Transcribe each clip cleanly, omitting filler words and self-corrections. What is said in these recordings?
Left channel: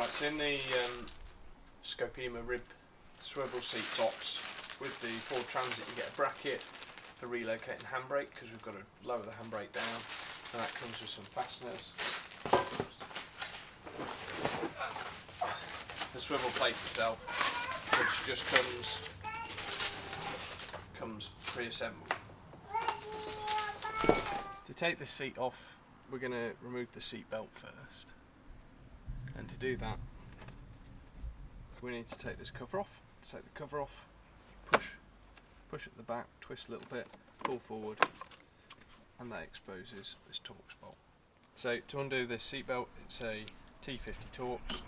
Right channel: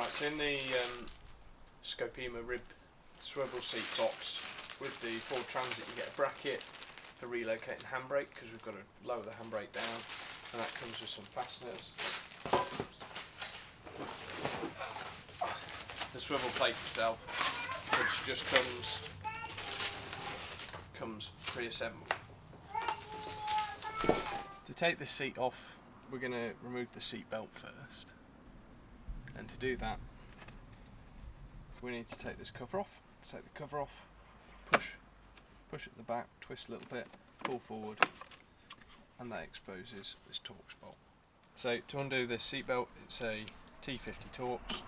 Right, so in the Scopema Rib Swivel seat tops with the Ford Transit, you get a bracket for relocating handbrake, because we've got to lower the handbrake down, and that comes with some fasteners. The swivel plate itself, which just comes pre-assembled. To take this seat off, we're going to remove the seat belt first, and to do that we need to take this cover off. To take the cover off, push at the back, twist a little bit, pull forward, and that exposes this Torx bolt. So to undo this seat belt, it's a T50 Torx.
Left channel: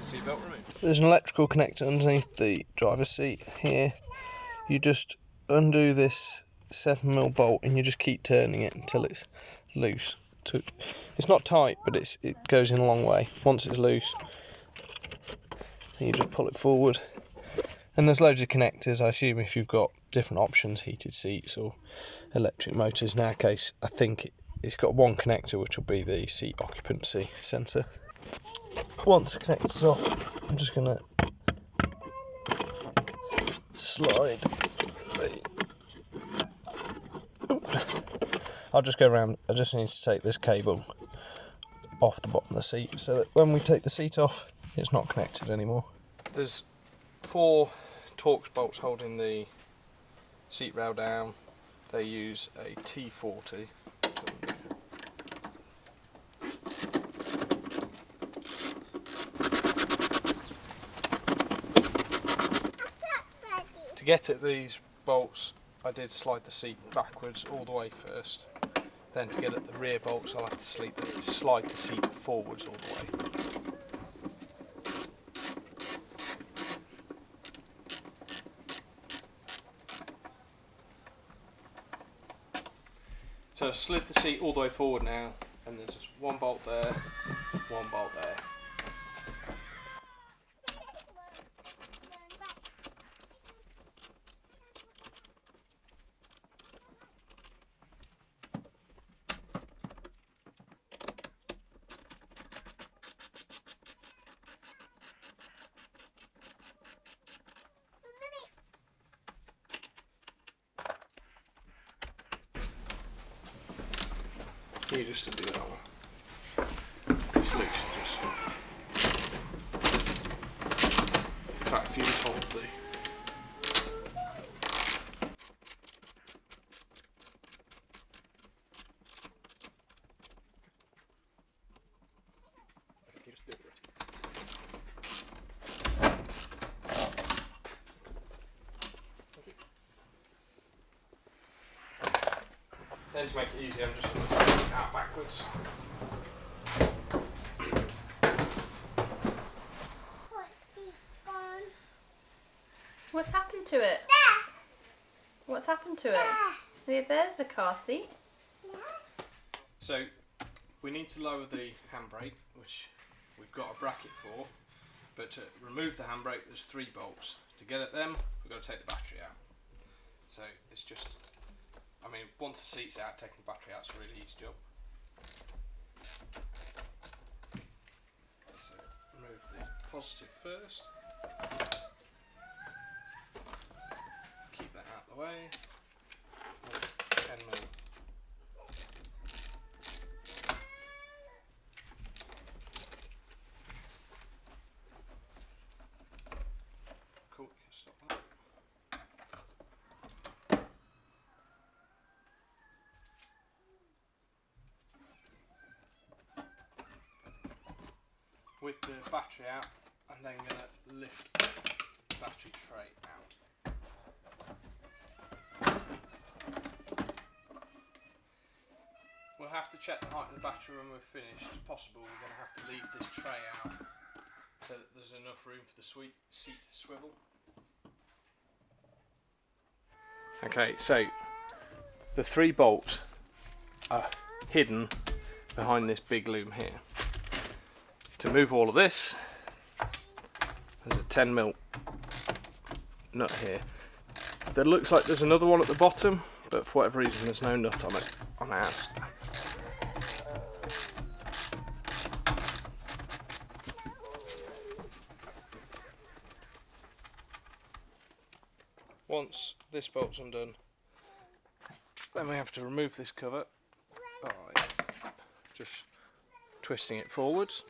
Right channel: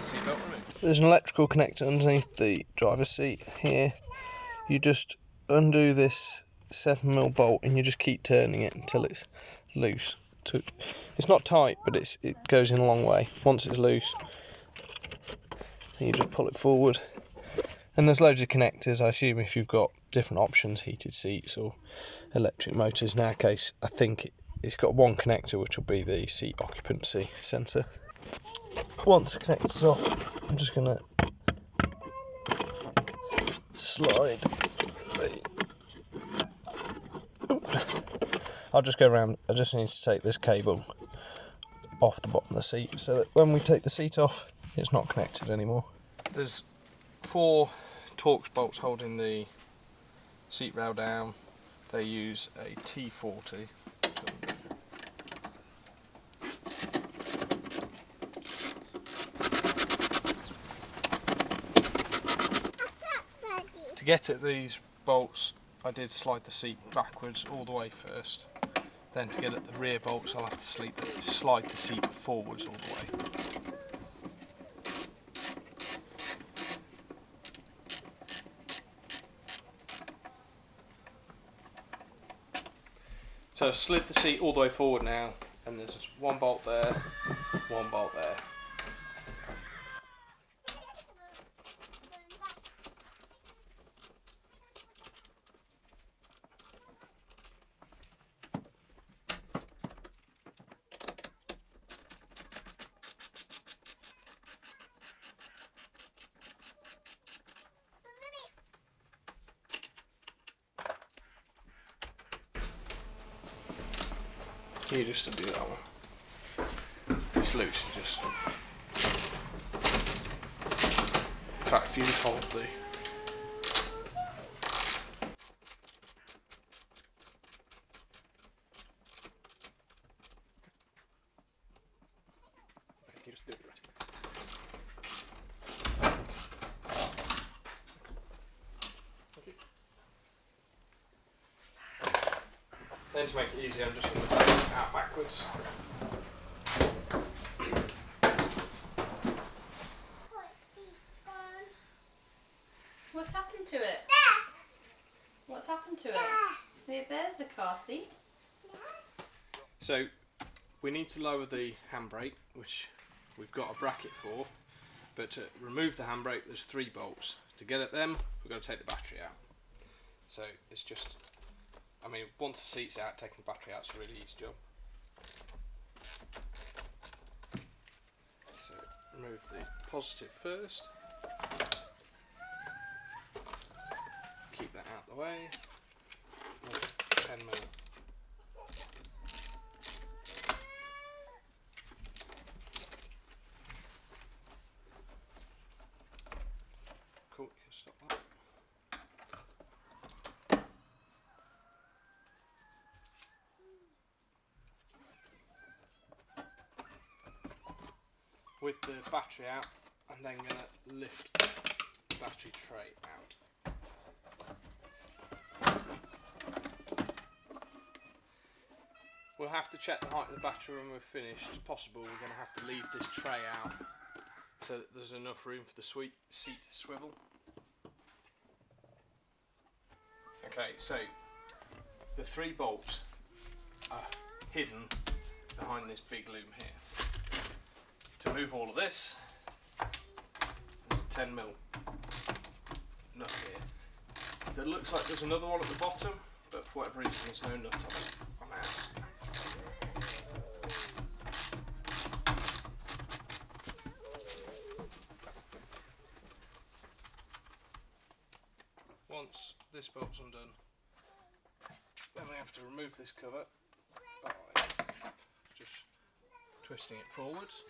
Seatbelt removed. There's an electrical connector underneath the driver's seat here. You just undo this 7mm bolt and you just keep turning it until it's loose. It's not tight, but it goes in a long way. Once it's loose, you just pull it forward. And there's loads of connectors. I assume if you've got different options, heated seats or electric motors. In our case, I think it's got one connector, which will be the seat occupancy sensor. Once the connector's off, I'm just going to slide I'll just go around. I just need to take this cable off the bottom of the seat so that when we take the seat off, it's not connected anymore. There's 4 Torx bolts holding the seat rail down. They use a T40. To get at these bolts, I did slide the seat backwards all the way first. Then to get at the rear bolts, I'll have to slide the seat forwards all the way. So I've slid the seat all the way forward now, and there's just one bolt there, one bolt there. You just undo that one. It's loose, just. In fact, if you just hold the. Then to make it easy, I'm just going to turn it out backwards. What's happened to it? What's happened to it? There's the car seat. So we need to lower the handbrake, which we've got a bracket for, but to remove the handbrake there's 3 bolts. To get at them, we've got to take the battery out. So it's just, I mean, once the seat's out, taking the battery out is a really easy job. So remove the positive first. Keep that out of the way. 10mm. Cool, you can stop that. With the battery out, I'm then going to lift the battery tray out. We'll have to check the height of the battery when we're finished. As possible, we're going to have to leave this tray out so that there's enough room for the seat to swivel. Okay, so the 3 bolts are hidden behind this big loom here. To move all of this, there's a 10mm nut here. There looks like there's another one at the bottom, but for whatever reason there's no nut on it on ours. Once this bolt's undone, then we have to remove this cover by just twisting it forwards.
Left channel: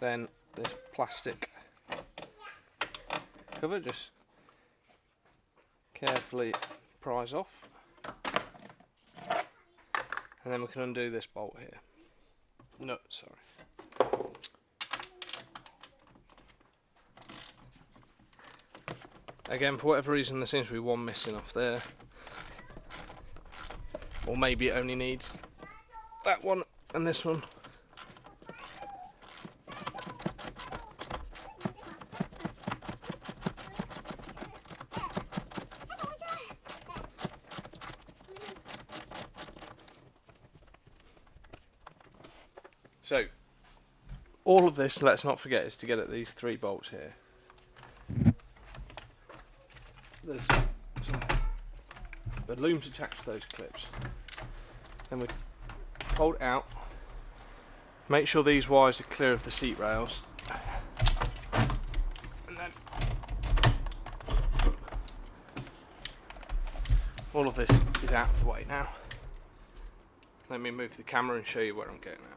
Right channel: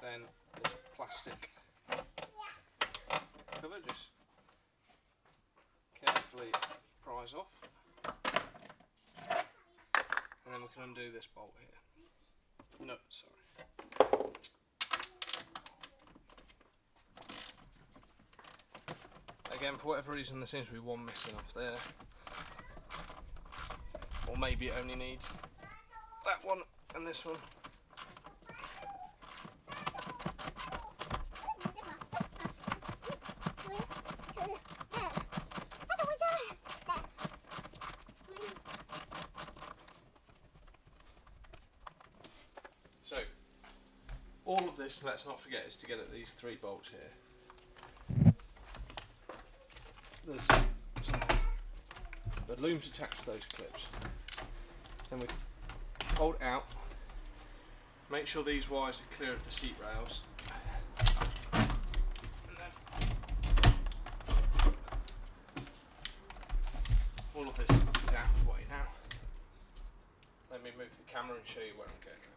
Then this plastic cover just carefully prise off, and then we can undo this bolt here. Nut, sorry. Again, for whatever reason there seems to be one missing off there, or maybe it only needs that one and this one. So, all of this, let's not forget, is to get at these 3 bolts here. There's the looms attached to those clips. Then we hold it out, make sure these wires are clear of the seat rails, and then all of this is out of the way now. Let me move the camera and show you where I'm going at.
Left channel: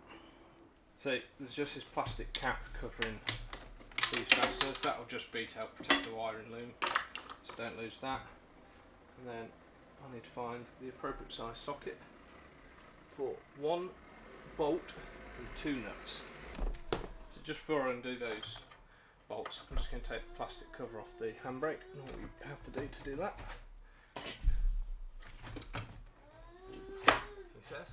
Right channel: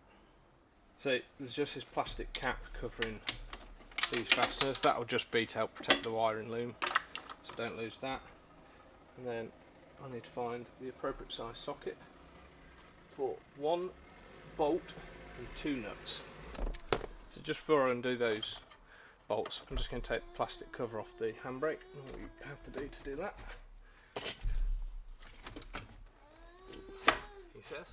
So there's just this plastic cap covering these fasteners. That will just be to help protect the wiring loom, so don't lose that. And then I need to find the appropriate size socket for 1 bolt and 2 nuts. So just before I undo those bolts, I'm just going to take the plastic cover off the handbrake, and what you have to do that, he says,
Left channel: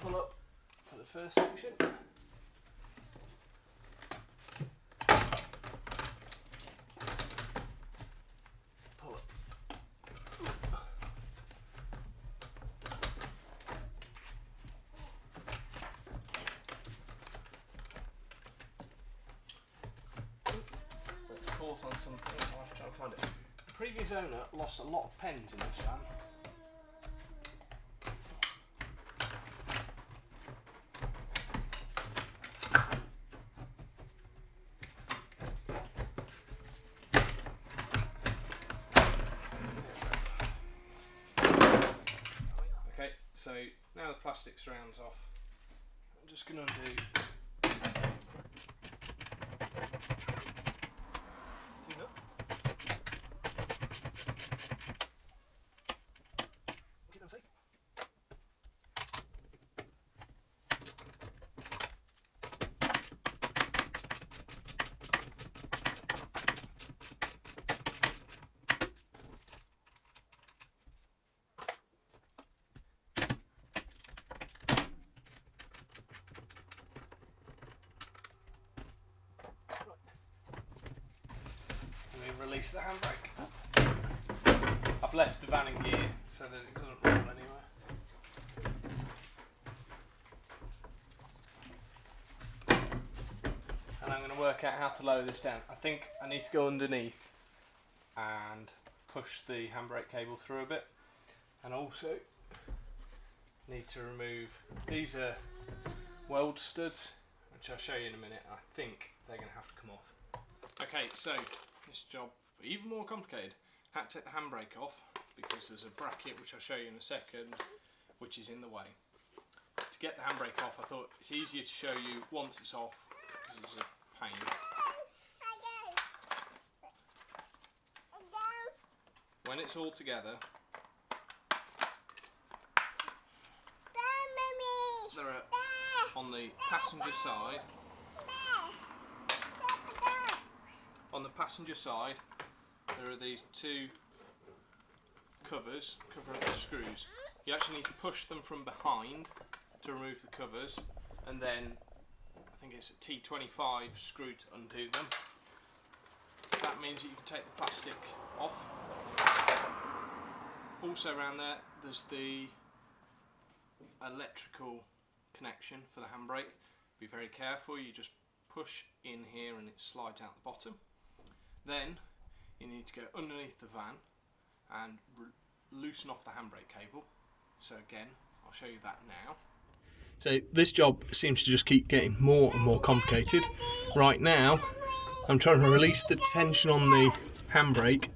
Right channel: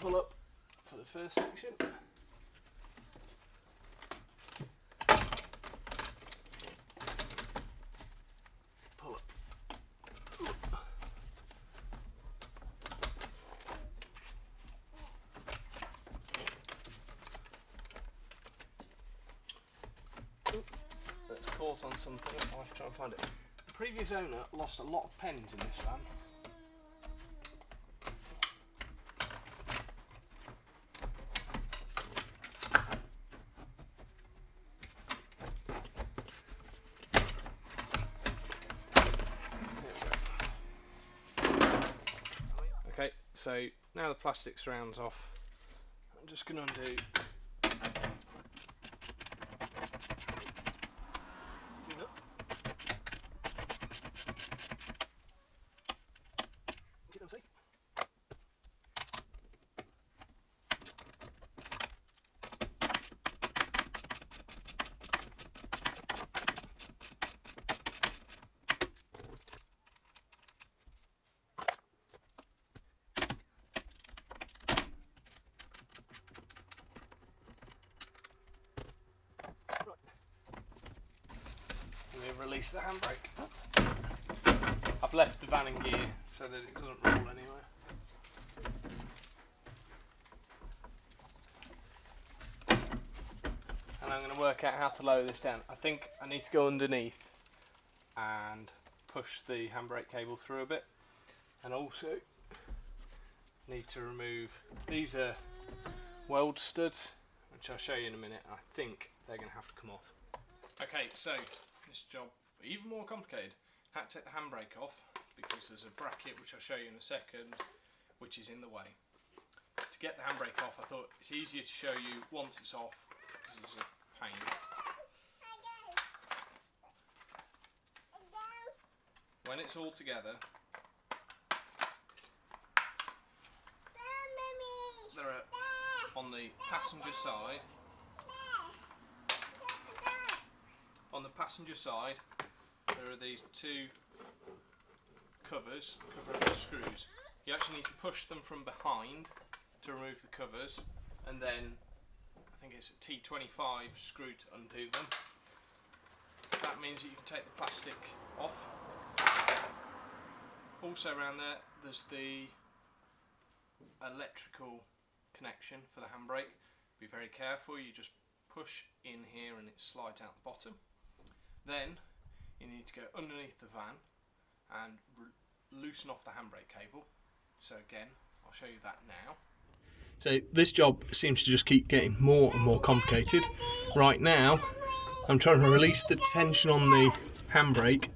pull up for the first section, pull up, let's pause on something. I'll have to try and find it. The previous owner lost a lot of pens in this van. Okay, so now the plastic surround's off, I'm just going to undo release the handbrake. I've left the van in gear so that it doesn't roll anywhere. And I'm going to work out how to lower this down. I think I need to go underneath and push the handbrake cable through a bit, and also need to remove, these are weld studs, which I'll show you in a minute. I think they're going to have to come off. Okay, so this job, even more complicated. Had to take the handbrake off because there's a bracket, which I'll show you in a second, which is in the way. To get the handbrake off, I thought it's easier to show you once it's off because it's a pain. When it's all together, there are, on the passenger side, there are these 2 covers covering the screws. You actually need to push them from behind to remove the covers, and then I think it's a T25 screw to undo them. That means that you can take the plastic off. Also around there, there's the electrical connection for the handbrake, Be very careful, you just push in here and it slides out the bottom. Then you need to go underneath the van and loosen off the handbrake cable. So again, I'll show you that now. So this job seems to just keep getting more and more complicated. Right now, I'm trying to release the tension on the handbrake.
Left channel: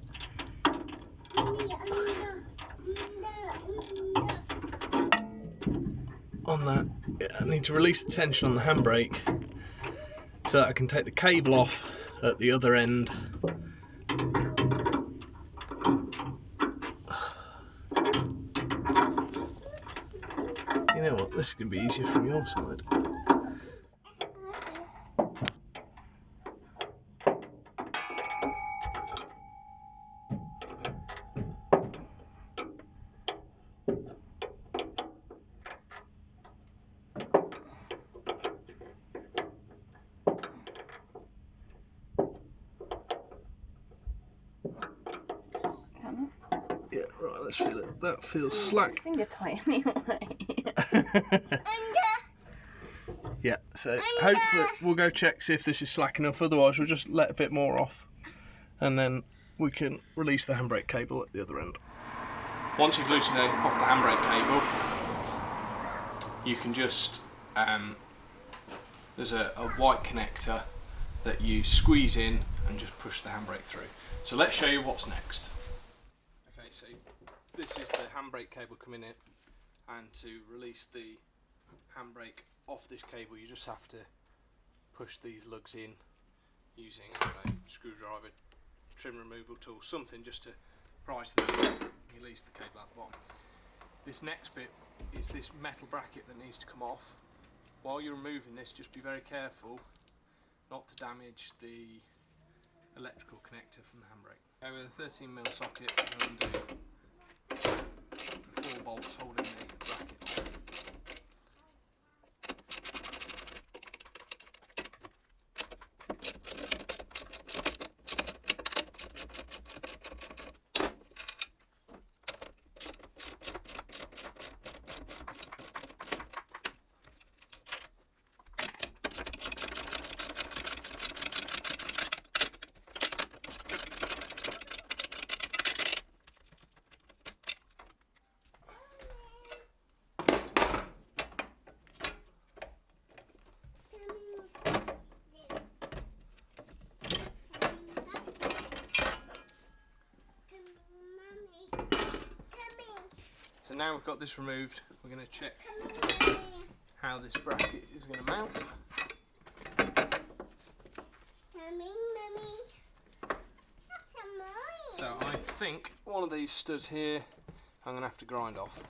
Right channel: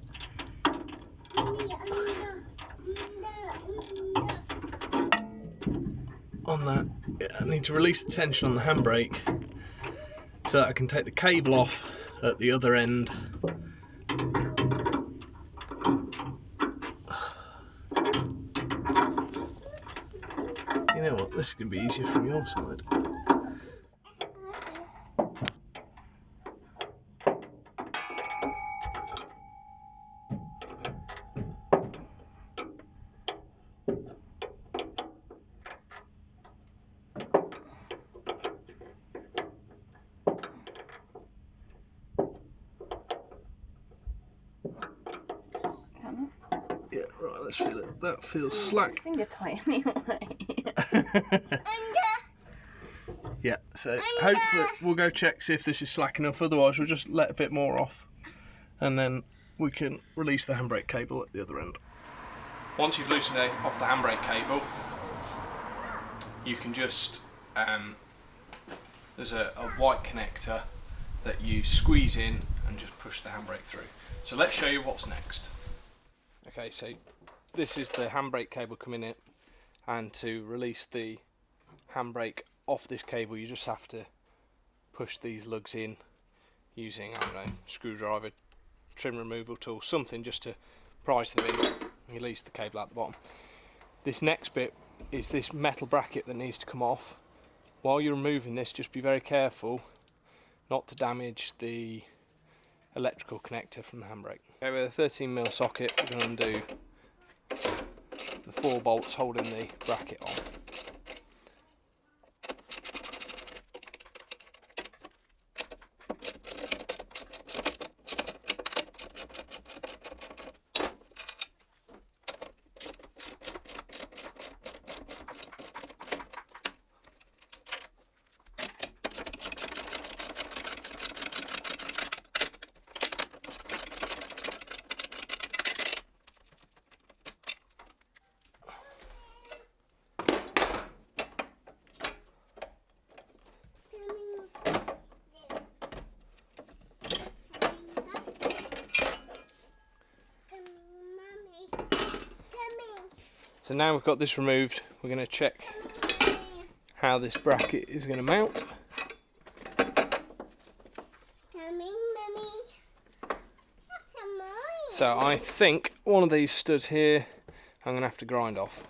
On that, I need to release the tension on the handbrake so that I can take the cable off at the other end. You know what, this is going to be easier from your side. Yeah, right, let's feel it. That feels slack. Finger tight anyway. Yeah, so hopefully we'll go check, see if this is slack enough, otherwise we'll just let a bit more off and then we can release the handbrake cable at the other end. Once you've loosened it off the handbrake cable, you can just, there's a white connector that you squeeze in and just push the handbrake through. So let's show you what's next. Okay, so this is the handbrake cable coming in, and to release the handbrake off this cable you just have to push these lugs in using, I don't know, screwdriver, trim removal tool, something just to prise them in and release the cable out the bottom. This next bit is this metal bracket that needs to come off. While you're removing this, just be very careful not to damage the electrical connector from the handbrake. Okay, with a 13mm socket, we're going to undo the 4 bolts holding the bracket on. So now we've got this removed, we're going to check how this bracket is going to mount. So I think one of these studs here I'm going to have to grind off.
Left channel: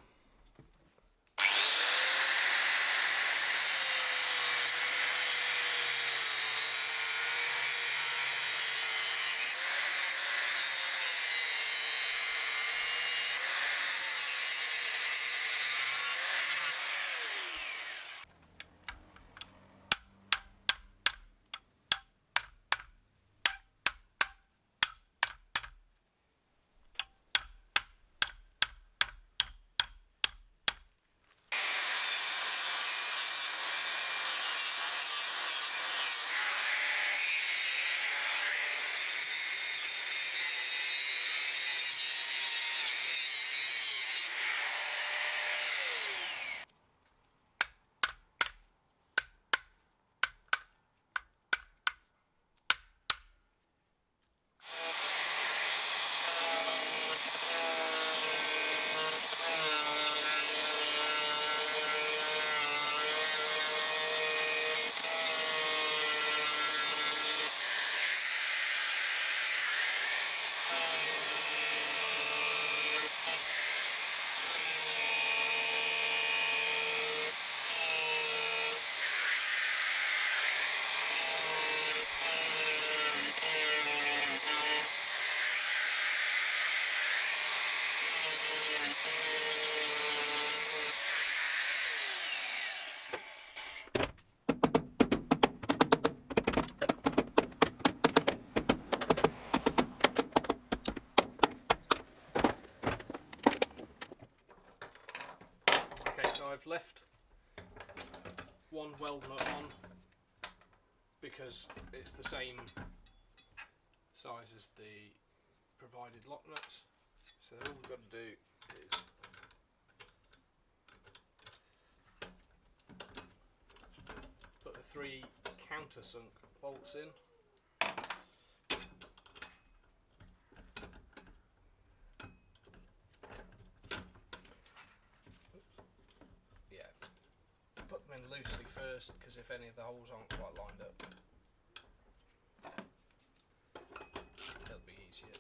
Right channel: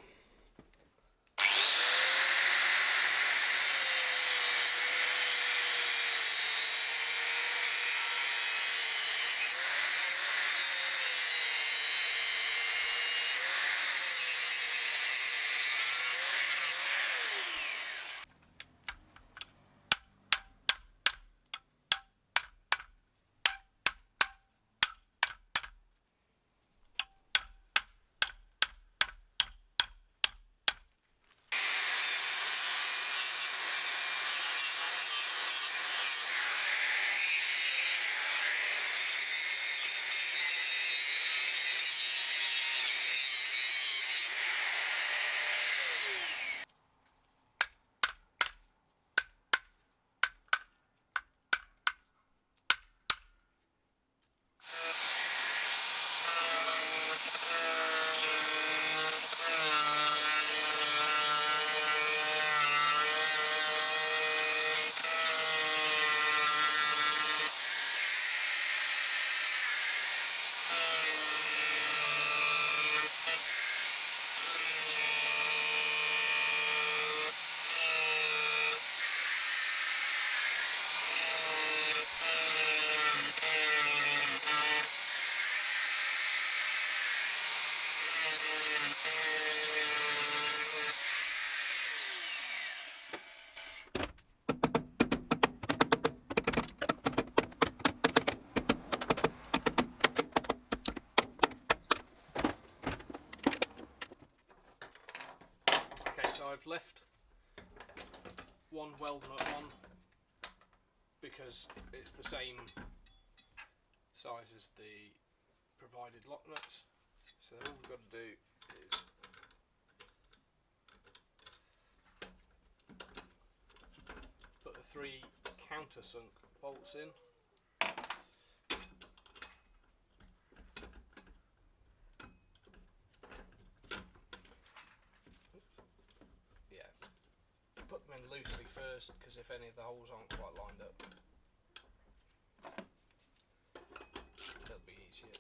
So I've left one weld nut on because it's the same size as the provided lock nuts. So all we've got to do is put the 3 countersunk bolts in. Yeah, put them in loosely first, because if any of the holes aren't quite lined up, it'll be easier.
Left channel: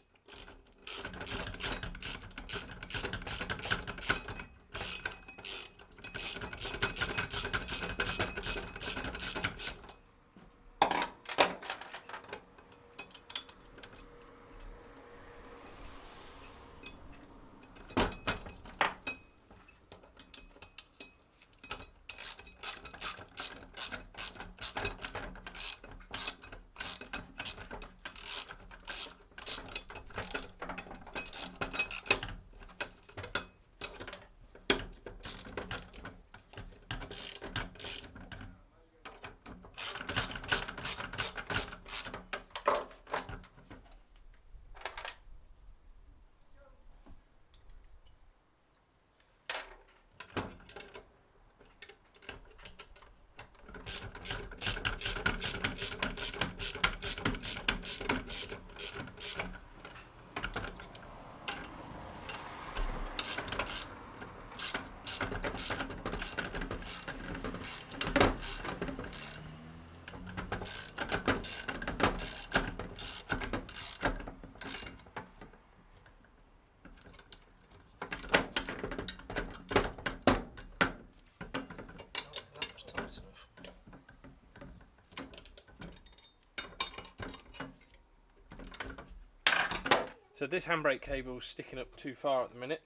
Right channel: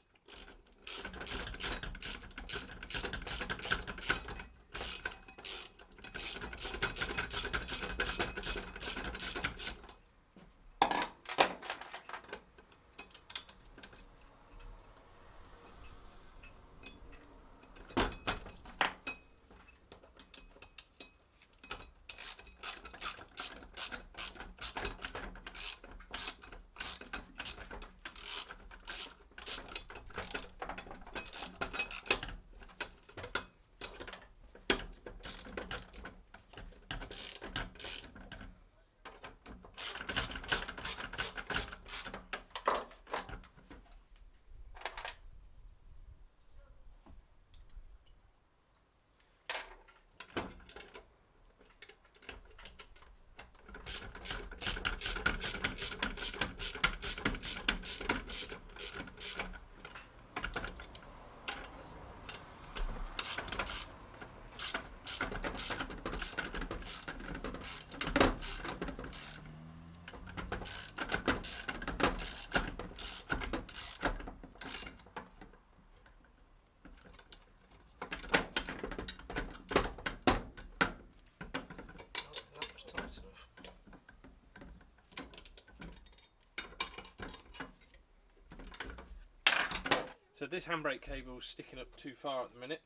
So this handbrake cable is sticking up too far at the minute,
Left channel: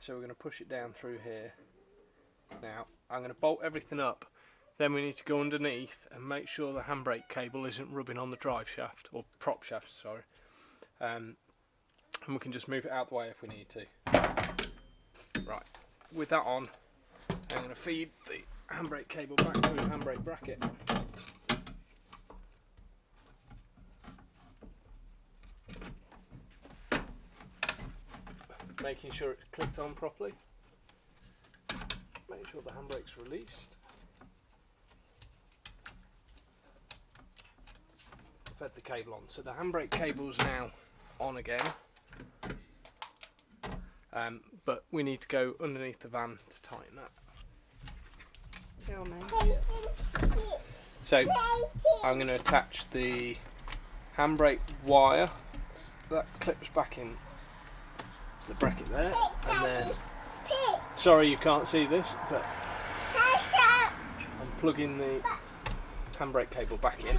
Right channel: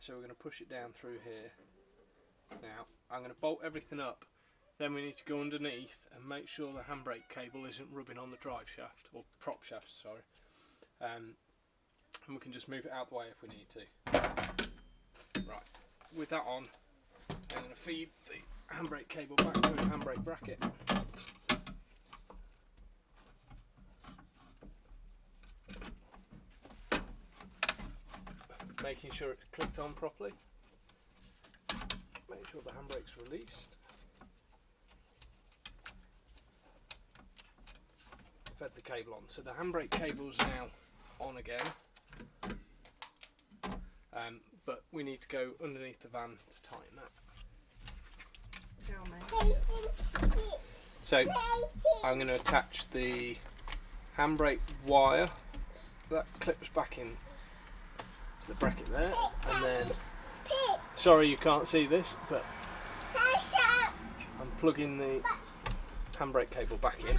so we're going to push it down through here. Now I'm going to bolt everything up, then we need to go underneath and make sure the handbrake cable isn't rubbing on the drive shaft, or prop shaft, sorry, and we can just move it out the way if we need to. Right, with that on, I'm going to feed the handbrake cable back through the handbrake bracket. Making sure it's clicked on properly. Make sure the handbrake's released. Fed the cable on. So the handbrake cable's now on again. But we need to go underneath the van to tighten that. So I'm going to attach the handbrake wire that clips back in the bracket there, and then, sorry you can't see this, but I'm plugging the handbrake cable back in.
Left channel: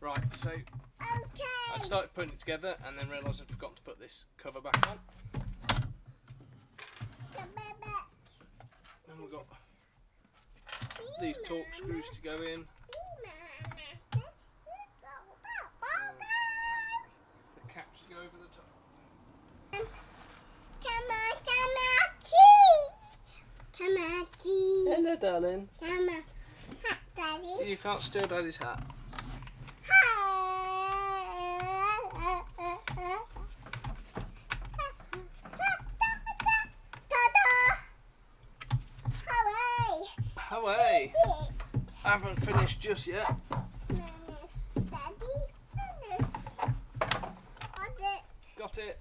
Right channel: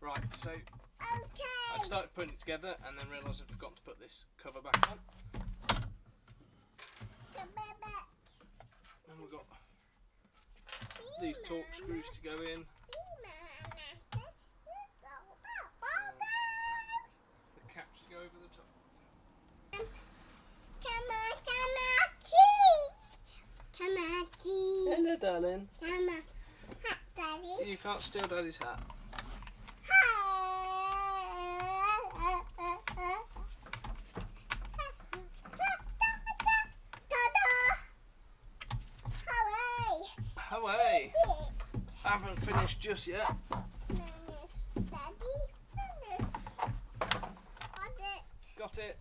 Right, so I started putting it together and then realised I'd forgotten to put this cover back on. And we've got these torque screws to go in. The caps to go over the top. Hello, darling. Daddy. You can't steal Daddy's hat. Away. I haven't finished just yet. Got it.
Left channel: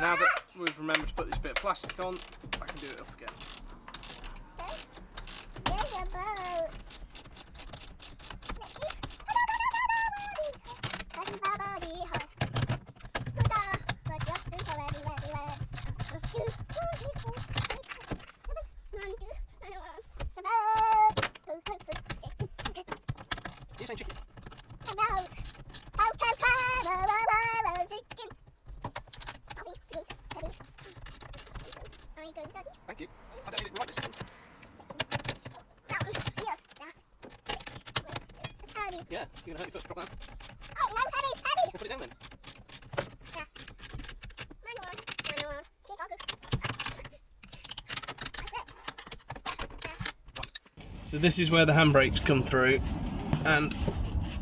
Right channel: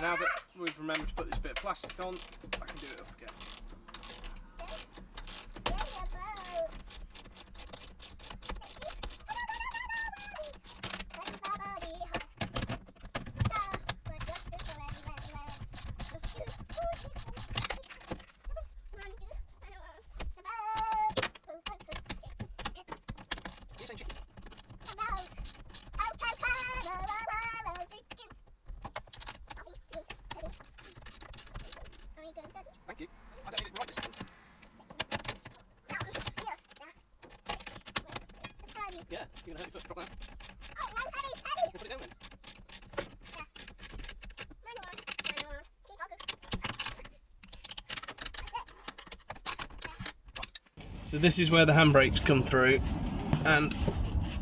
Now that we've remembered to put this bit of plastic on, I can do it up again. Thank you. I don't need it right this second. Yeah, you're going to hurt your foot. Drop that. I'll put it down then. So this is where the handbrakes come through, and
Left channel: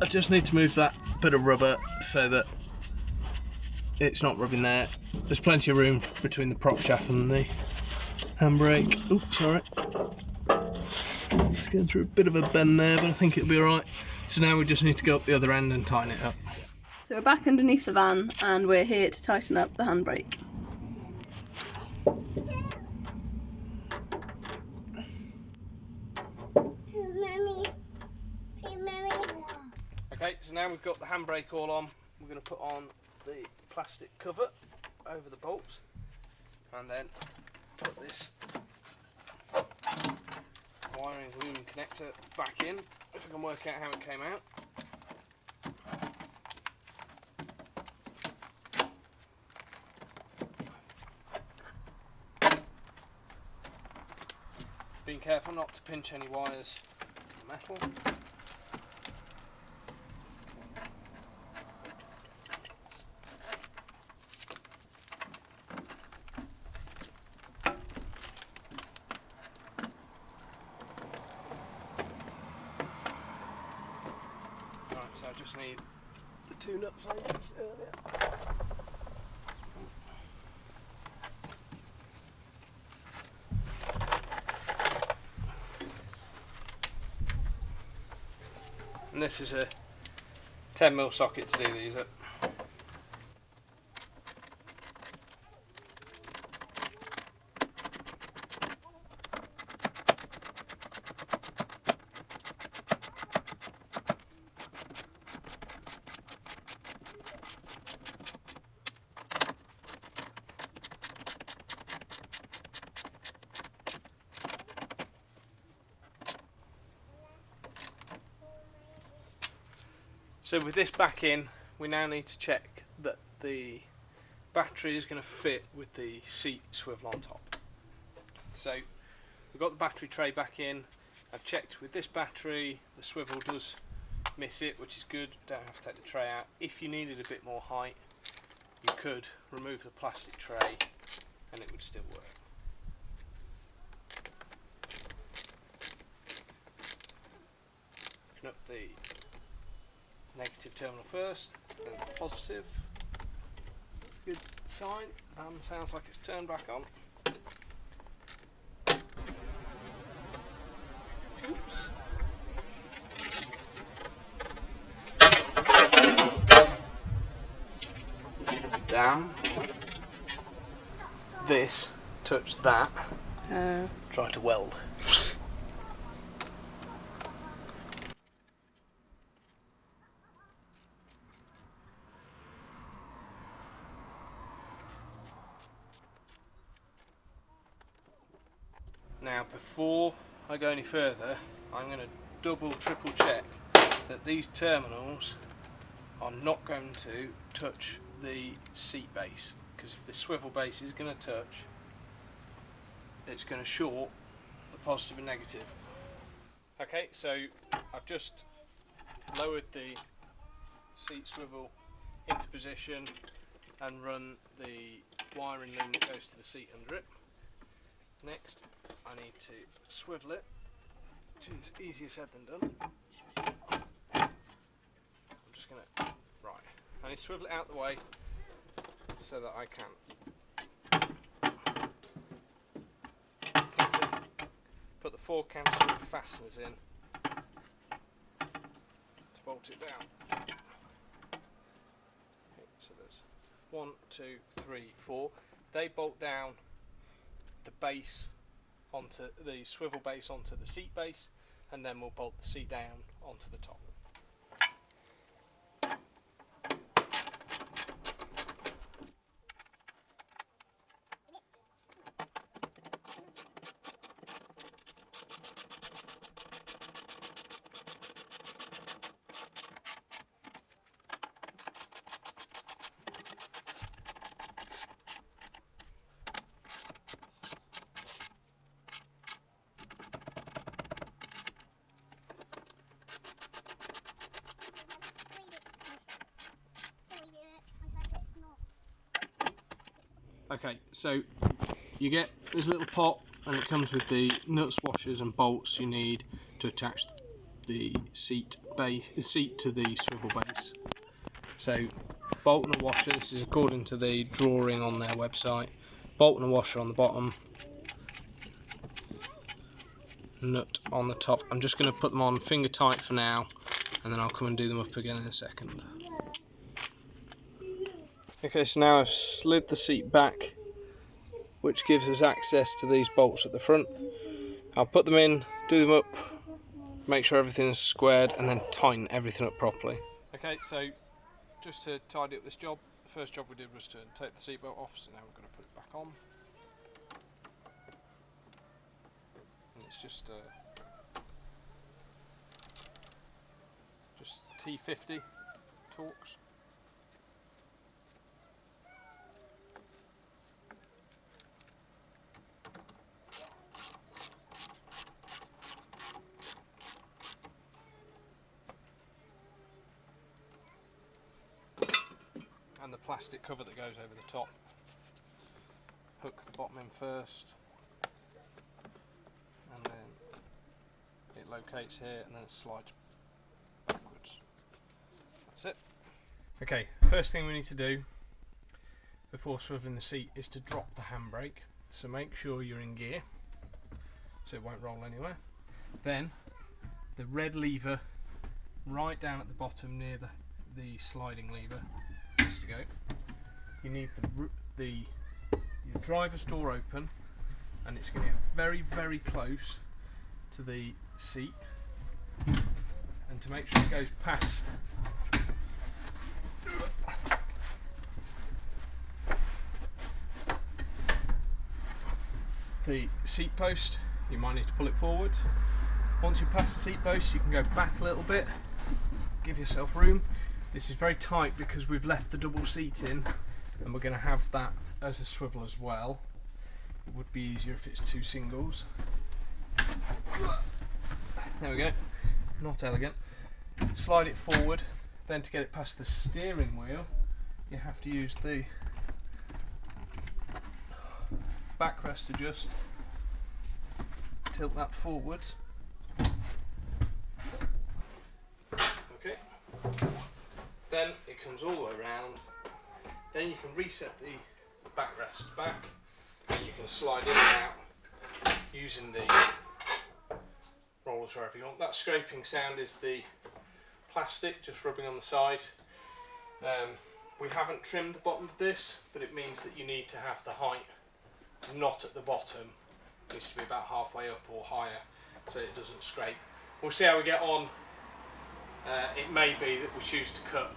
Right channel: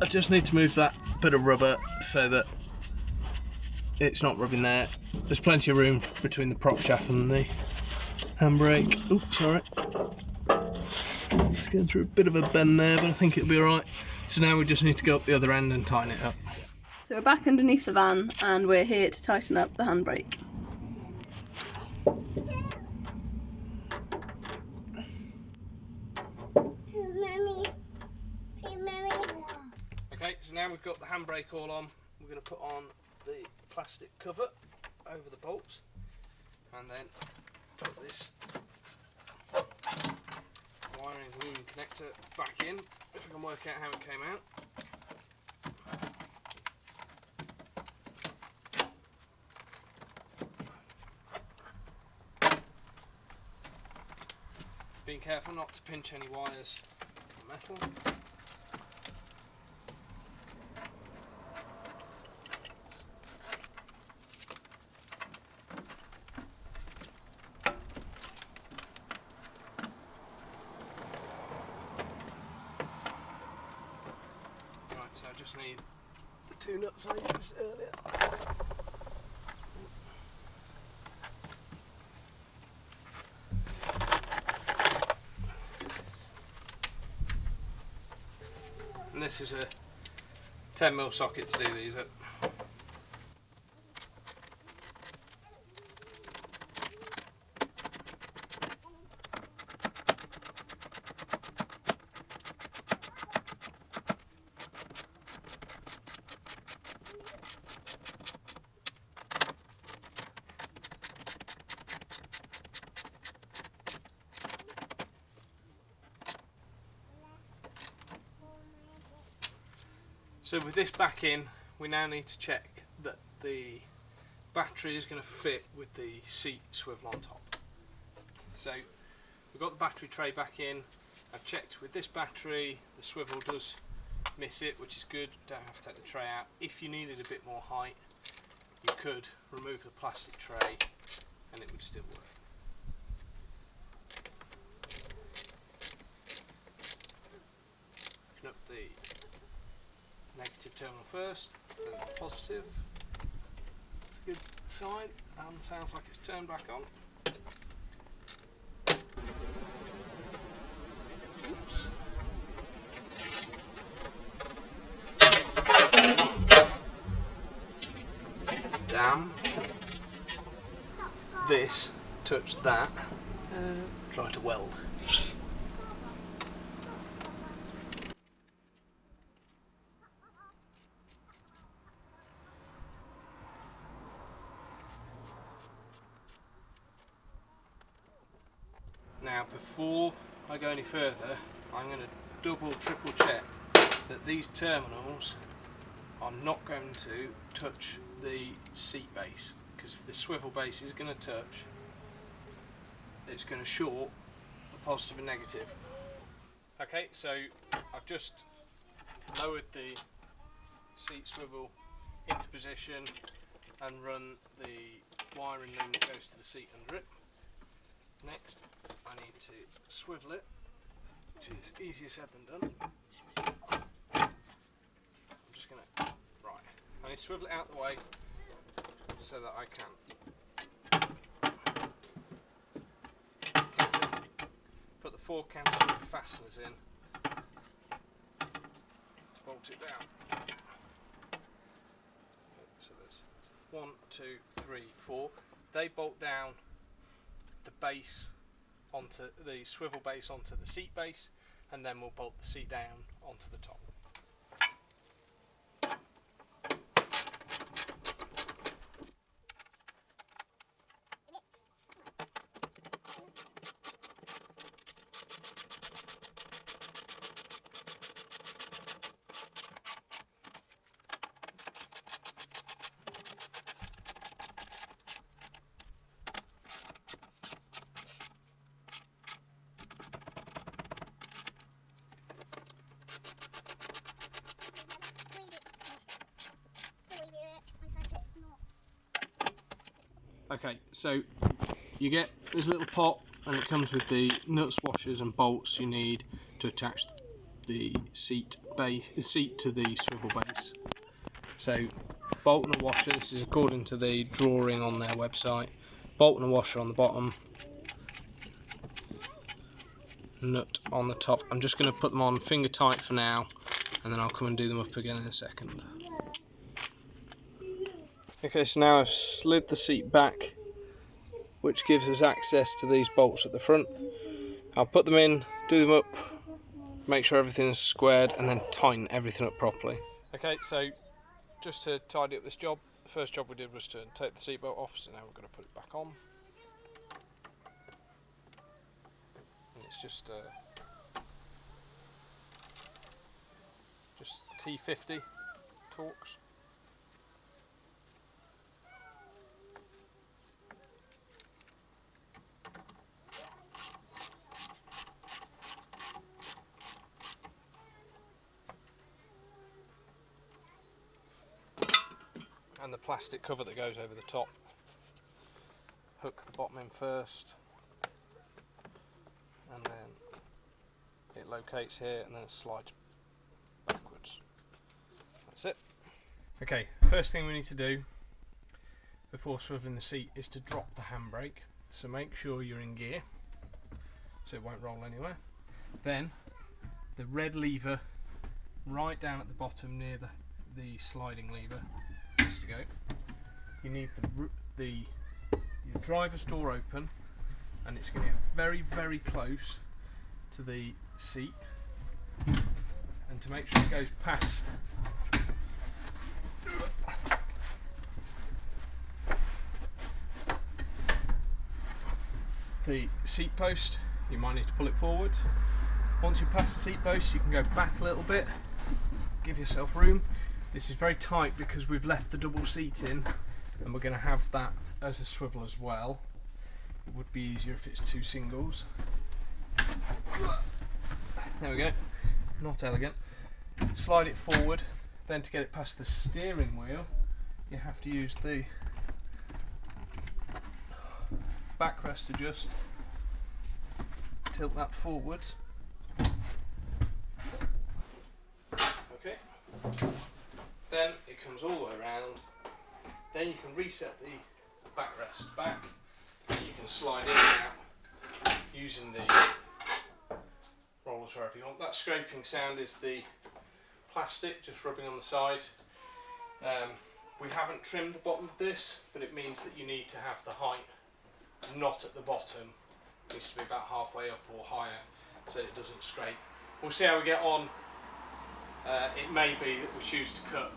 I just need to move that bit of rubber so that it's not rubbing there. There's plenty of room between the prop shaft and the handbrake. Oh, sorry. It's going through a bit of a bend there, but I think it'll be alright. So now we just need to go up the other end and tighten it up. So we're back underneath the van and we're here to tighten up the handbrake. Okay, so now we've got the handbrake all on, we're going to put on the plastic cover over the bolts and then put this wiring loom connector back in, if I can work out how it came out. Being careful not to pinch any wires in the metal. Right, so I just need the two nuts I used earlier. And this is a 10mm socket to do these up. So with this back in, we now need to check that the battery is going to fit with the seat swivel on top. So we've got the battery tray back in. I've checked with this battery, the swivel does miss it, which is good. Don't have to take the tray out. If you needed a bit more height, you could remove the plastic tray and it would still work. Open up the negative terminal first, then the positive. That's a good sign, and sounds like it's turned back on. Oops. Damn. This touched that. Try to weld. Now, before I go any further, I'm going to double, triple check that these terminals are not going to touch the seat base, because if the swivel base is going to touch, it's going to short the positive and negative. Okay, so I've just lowered the seat swivel into position and run the wiring loom that goes to the seat under it. Next, I need to swivel it, which is easier said than done. I'm just going to, right, I need to swivel it out the way so that I can put the 4 counter fasteners in to bolt it down. Okay, so there's 1, 2, 3, 4. They bolt down the base onto the swivel base onto the seat base, and then we'll bolt the seat down onto the top. Okay, so you get this little pot and it comes with the nuts, washers and bolts you need to attach the seat to the swivel base. So bolt and a washer, this is according to the drawing on their website. Bolt and a washer on the bottom, nut on the top. I'm just going to put them on finger tight for now, and then I'll come and do them up again in a second. Okay, so now I've slid the seat back, which gives us access to these bolts at the front. I'll put them in, do them up, make sure everything's squared, and then tighten everything up properly. Okay, so just to tidy up this job, the first job we did was to take the seatbelt off, so now we're going to put it back on. And it's just T50 Torx. And the plastic cover that goes over the top. Hook the bottom in first, and then it locates here and then it slides backwards. That's it. Okay, first thing we need to do before swiveling the seat is to drop the handbrake. So make sure you're in gear so it won't roll anywhere. Then the red lever right down at the bottom near the sliding lever has to go. You need your driver's door open, and it's going to get very, very close to the seat, and to make sure it goes past the seat post, you might need to pull it forward. Once you pass the seat post, you can go back a little bit, give yourself room. This is very tight because we've left the double seat in, and we're going to have that as a swivel as well. It would be easier if it's two singles. There we go, not elegant. Slide it forward, then to get it past the steering wheel you have to use the backrest to just tilt that forwards. Okay, then it comes all the way around. Then you can reset the backrest back, and you can slide in and out using the rollers wherever you want. That scraping sound is the plastic just rubbing on the side. We haven't trimmed the bottom of this, but it means that you need to have the height not at the bottom. It needs to be about halfway up or higher so it doesn't scrape. We'll see how we get on. It may be that we choose to cut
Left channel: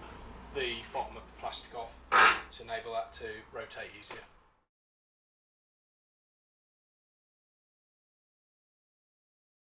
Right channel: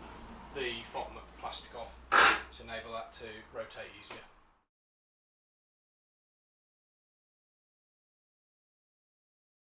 the bottom of the plastic off to enable that to rotate easier.